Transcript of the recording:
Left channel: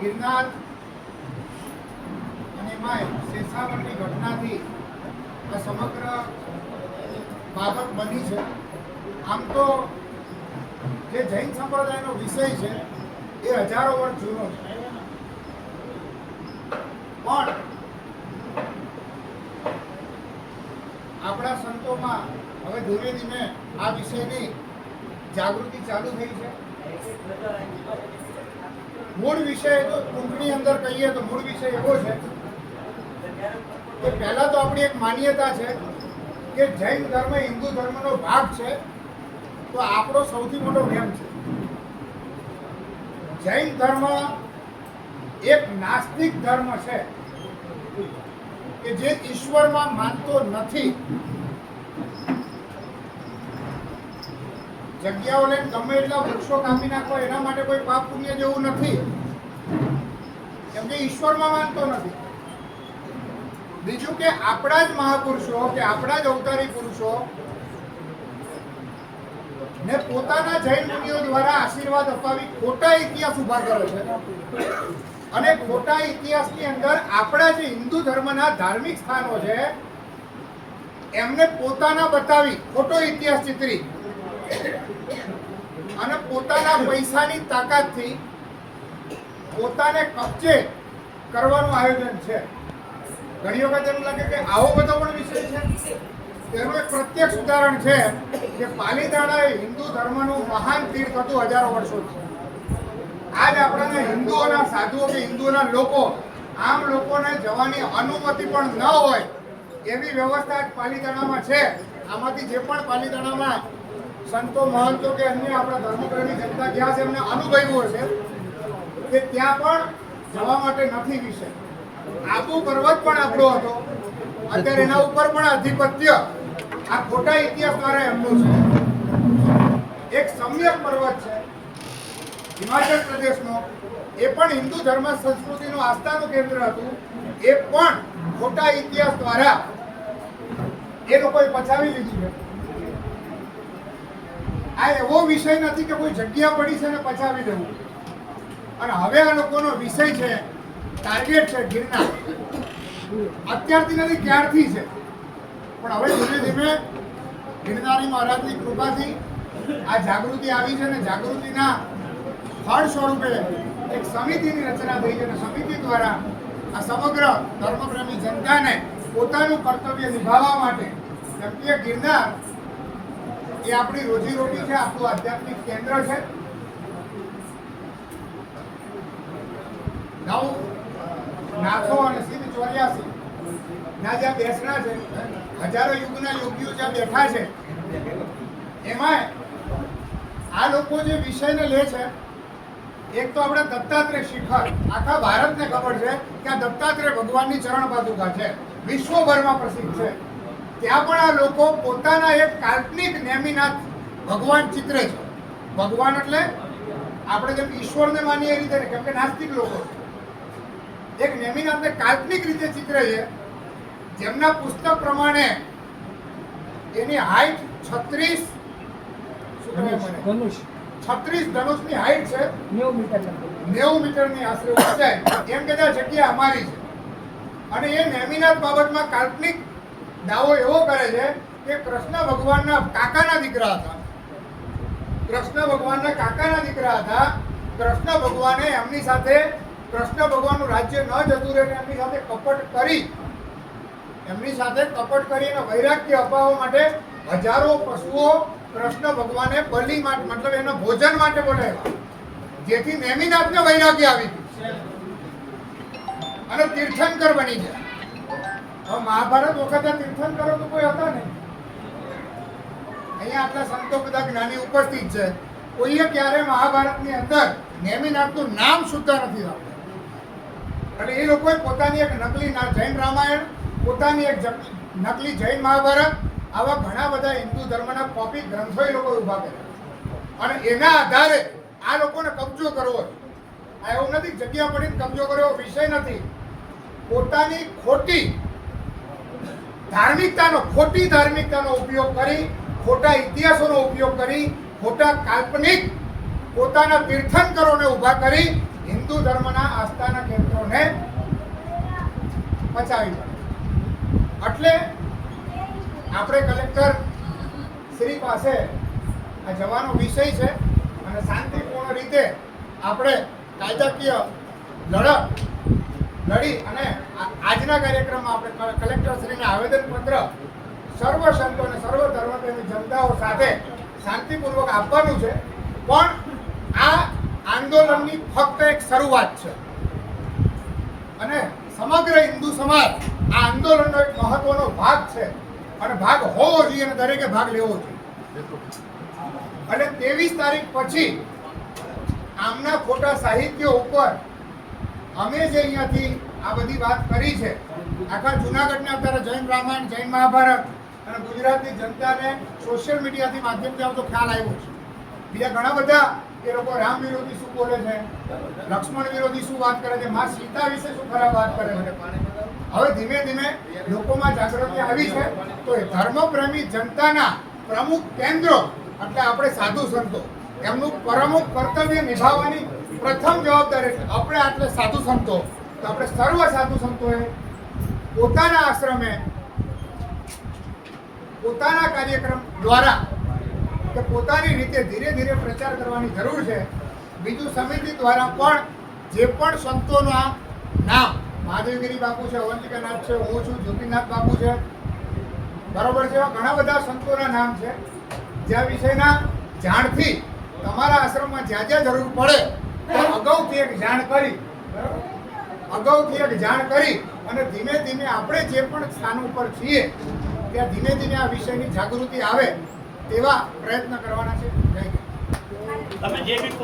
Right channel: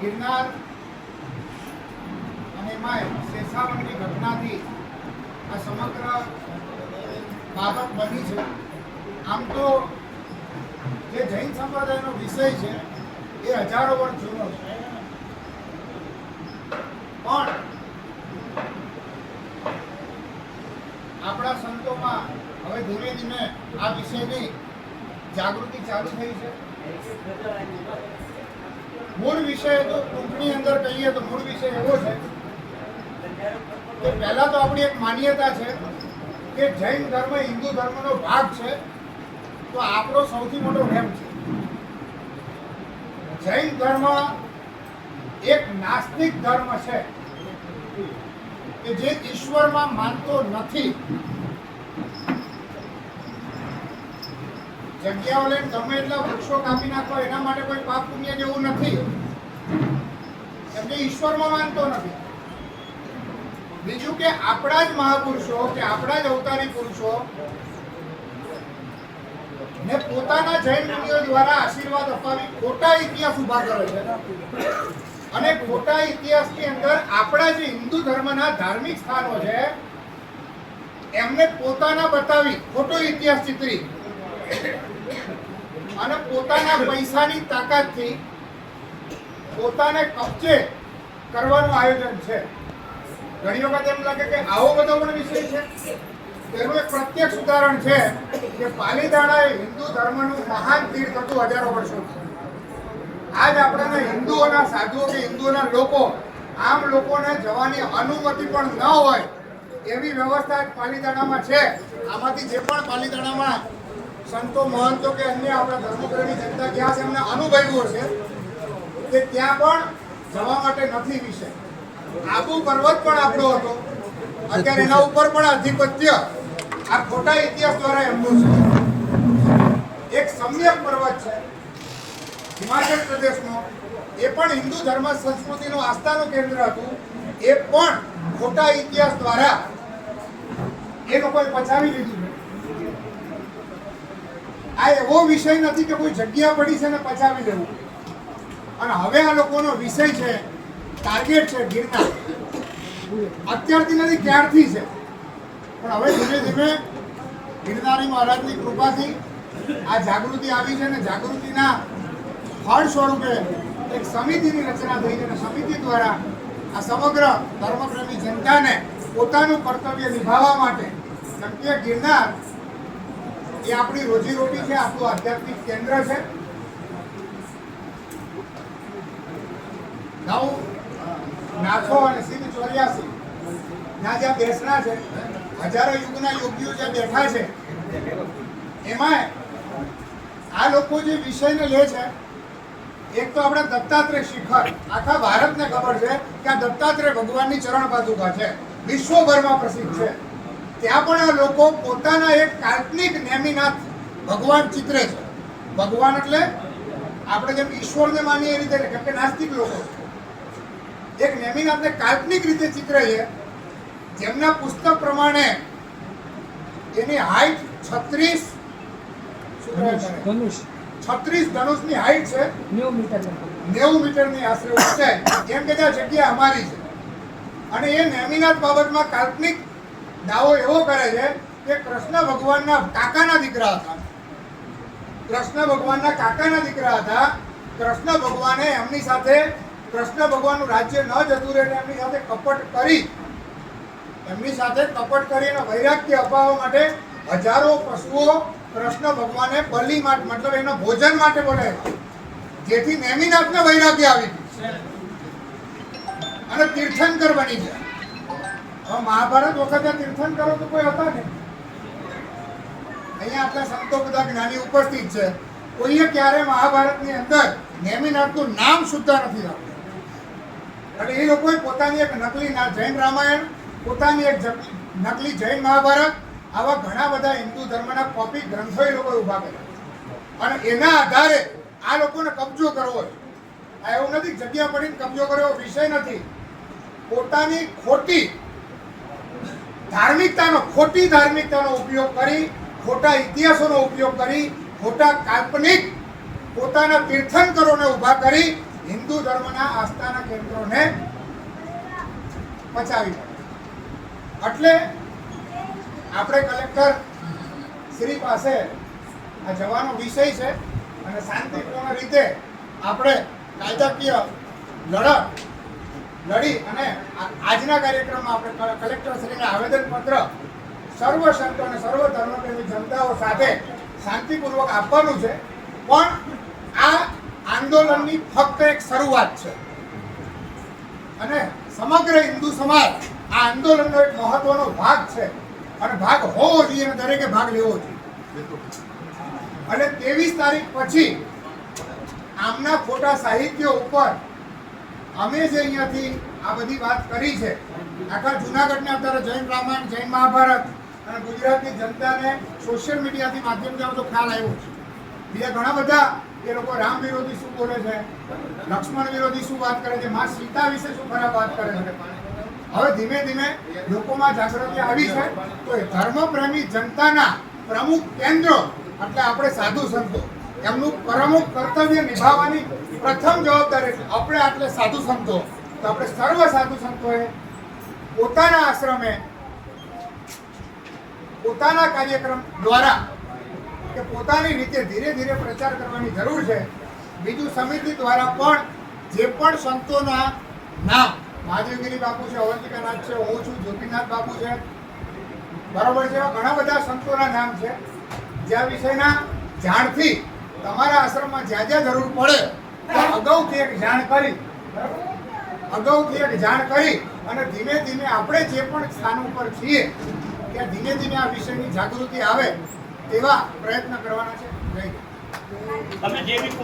गिरनार અને એમાં શેષાવનની ઘટનાથી આ સમગ્ર બાબત બની છે. આમ તો જે જૈન સંપ્રદાયનો વિષય છે એ હજારો વર્ષ જૂનો છે, પણ આપણા સંતોમાં હવે ધીમે ધીમે આ વિષયની જાગૃતિ ચાલુ થઈ છે. મૂળ વિષય તો ટૂંકની અંદર કહીએ તો મૂળ વિષય એવો છે કે પહેલા તો આપણી એક માન્યતા છે કે જૈન ધર્મ હિન્દુ ધર્મનો ભાગ છે, તો આપણો સૌથી મોટો વહેમ છે. જૈન ધર્મ એક નાસ્તિક ધર્મ છે કે જે ઈશ્વરમાં માનતો નથી. જગ્યાઓ લઈને ગમે એટલા વૃક્ષો કાપી નાખો એના માટે કોઈ પાપ પુણ્ય જેવું નથી, કેમ કે ઈશ્વરમાં માનતો નથી. બીજું કે આપણા જ મહાપુરુષો કે આપણા જ અવતારી પુરુષો ને પોતાના જૈન મુનિઓ દ્વારા આશીર્વાદ અપાવી ખોટા ઇતિહાસ ઉભા કરે છે, અને ખોટા ઇતિહાસની અંદર આપણા જે હિન્દુ ધર્મના ધાર્મિક સ્થાનો છે એમને પોતાના બતાવી ખોટો ઇતિહાસ ચિતરી અને પોતાના પૈસાની તાકાતથી પોતાને કબજે કરવાનું આયોજન છે. ઘણી વખત એમ લાગે કે આવો બધો પણ વિષય છે. તેનું એક પ્રત્યક્ષ ઉદાહરણ છે કે પાલીતાણા એ હિન્દુ ધર્મનું મહાન તીર્થ હતું હજારો વર્ષોથી. આજ આપણા હિન્દુઓના સાધુઓ કે હિન્દુઓના લોકો આમ લોકોને જવાની અનુમતિ પણ ન હોય એવી વ્યવસ્થા પાલીતાણામાં છે. આમાંથી જે પણ પાલીતાણામાં સંતો મહંતો કે અન્ય આપણા ધર્મપ્રેમી જનતા ગયા છે એમને અનુભવ્યું હશે કે ત્યાં પણ જવા માટે નથી વિષય. આબુ પર્વત પણ આપણો હતો, અત્યારે એના ઉપર પણ આધિપત્ય આ ખોટા ઇતિહાસ દ્વારા એમનું છે. એક સમ્યક પર્વત છે હિમાચલ પ્રદેશનો, એ પણ હિન્દુ ધર્મ સંસ્કૃતિનું આસ્થાનું કેન્દ્ર હતું, એ પણ ખોટા ઇતિહાસ દ્વારા એ લોકોએ પચાવી લીધું છે. આ એવો વિષય નથી કે કોઈ જગ્યા પડી છે ને પચાવી દેવું. અને હવે આ લોકોનો વિષય છે, ટાર્ગેટ છે ગિરનાર. અત્યારથી નથી, ક્યારથી છે, પણ હવે ધીમે ધીમે ગિરનારી મહારાજની કૃપાથી આ જાગૃતિ આવી છે અને જાગૃતિના ફળ સ્વરૂપે એક સમિતિની રચના થઈ છે અને સમિતિ દ્વારા આ સમગ્ર ધર્મપ્રેમી જનતાને પોતાનું કર્તવ્ય નિભાવવા માટે નક્કી ગિરનાર એ આપણી રોજીરોટી છે, આપણું આધ્યાત્મિક કેન્દ્ર છે. નાથો અને સિદ્ધ 84 ના જ્યાં બેસણા છે, હજારો યુગના યોગીઓ જ્યાં બેઠા છે, એમાં આ લોકો જે વિષયને લે છે, એક તો આપણે દત્તાત્રેય શિખર, આખા ભારતને ખબર છે કે આ દત્તાત્રેય ભગવાનની ચરણ પાદુકા છે, વિશ્વભરમાં પ્રસિદ્ધ છે. ત્યાં પણ આ લોકો પોતાના એક કાલ્પનિક નેમિનાથ ભગવાન ચિત્રે છે. ભગવાન એટલે આપણે જેમ ઈશ્વરને માનીએ એ રીતે, કેમ કે નાસ્તિક લોકો એક નેમિનાથને કાલ્પનિક રીતે ચિત્રે છે, જેમના પુસ્તક પ્રમાણે એની હાઈટ 36 ધનુષની હાઈટ છે, 90 મીટરની આશરે ઊંચાઈ. એમ કે જગ્યા અમારી છે. અને એ નેમિનાથ બાબતમાં કાલ્પનિક દાવો એવો કરે છે કે કૃષ્ણ ભગવાનના કાકાના દીકરા હતા. કૃષ્ણ ભગવાનના કાકાના દીકરા હતા. કૃષ્ણ ભગવાને એમની સાથે, કૃષ્ણ ભગવાનનું રાજ્ય ન જતું રહે એમની સાથે કપટ કરી અને વૈરાગ્ય અપાવવા માટે હજારો પશુઓ કૃષ્ણ ભગવાને બલિ માટે, મતલબ એના ભોજન માટે બોલાવ્યા, જેથી નેમિનાથને વૈરાગ્ય આવી ગયું અને તીર્થંકર બની ગયા. હવે મહાભારત વખતે તીર્થંકરો તો કોઈ હતા નહીં. અહીંયા આટલા સંતો બધા જ્ઞાની ઉપસ્થિત છે, કોઈએ ક્યારે મહાભારતની અંદર નેમિનાથનું નામ સુદ્ધા નથી આવ્યું. અને એ લોકોએ પોતાની એક નકલી જૈન રામાયણ, પોતાની એક નકલી જૈન મહાભારત આવા ઘણા બધા હિન્દુ ધર્મના કોપી ગ્રંથો એ લોકો ઉભા કર્યા અને એના આધારે આ લોકોને કબજો કરવો હોય. આ એવું નથી જગ્યા પડીને કબજો કર્યો વિષય નથી. પોતાની ખોટી ધાર્મિકતાનો ઉપયોગ કરી, ખોટા ઇતિહાસોનો ઉપયોગ કરી, ખોટા કાલ્પનિક પોતાના તીર્થંકરોને ઊભા કરી હિન્દુ ધર્મના આસ્થાના કેન્દ્રોને પચાવી પડે. એટલે આપણે કલેક્ટર શ્રી પાસે આ જવાનો વિષય છે અને શાંતિપૂર્ણ રીતે આપણે કાયદાકીય લડી અને આજના કાર્યક્રમમાં આપણે કલેક્ટર શ્રીને આવેદનપત્ર સર્વ સંતો અને સર્વ ધર્મપ્રેમી જનતાઓ સાથે શાંતિપૂર્વક આપવાનું છે. પણ આ આંદોલનની ફક્ત એક શરૂઆત છે અને સમગ્ર હિન્દુ સમાજ આ આંદોલનનો એક મહત્વનો ભાગ છે અને ભાગ હોવો જોઈએ અને દરેકે ભાગ લેવો જોઈએ. અને 23 તારીખ પછી આમના ખોટા સાહિત્ય ઉપર અમે જે અહીંયાથી આ બધી વાત કરી છે, આખા જૂનાગઢને અત્યારે જૈન રામાયણ, જૈન મહાભારત અને ગુજરાતની જનતાને સોશિયલ મીડિયાથી માધ્યમથી આવતો ખ્યાલ આવ્યો છે. બીજા ઘણા બધા એ લોકો રામ વિરોધી શું બોલે છે, લક્ષ્મણ વિરોધી શું વાત કરે છે, માં સીતા વિશે શું ખરાબ વાત કરે છે. હવે ધીમે ધીમે લોકોમાં જાગૃતિ આવી છે. તો એ ધર્મપ્રેમી જનતાના પ્રમુખ કેન્દ્રો એટલે આપણે સાધુ સંતો એમનું પ્રમુખ કર્તવ્ય નિભાવવાની પ્રથમ જવાબદારી છે. આપણે આટલે સાધુ સંતો તો આપણે સર્વ સાધુ સંતોએ પોતાના આશ્રમે પોતાના કાર્યક્રમ દ્વારા કે પોતાની રીતે ધીરે ધીરે પ્રચાર કરવાની જરૂર છે. બીજું સમિતિ દ્વારા પણ જે પણ સંતોના નામ, મહાદેવગીરી બાપુ છે, અવંતિકાનાથ છે, હું છું, જ્યોતિનાથ બાપુ છે, બરોબર છે, એવા ઘણા બધા સંતોના નામ છે જ્યાં વિષયના જાણથી તમારા આશ્રમમાં જ્યાં જ્યાં જરૂર પડે ત્યાં અગાઉથી એક જાણ કરી અને ધીમે ધીમે આપણે જે પણ સ્થાન ઉપર છીએ ત્યાં ધીમે ધીમે આ વિષયની જાગૃતિ આવે તેવા પ્રયત્ન કરવાના છે. જય હિન્દ.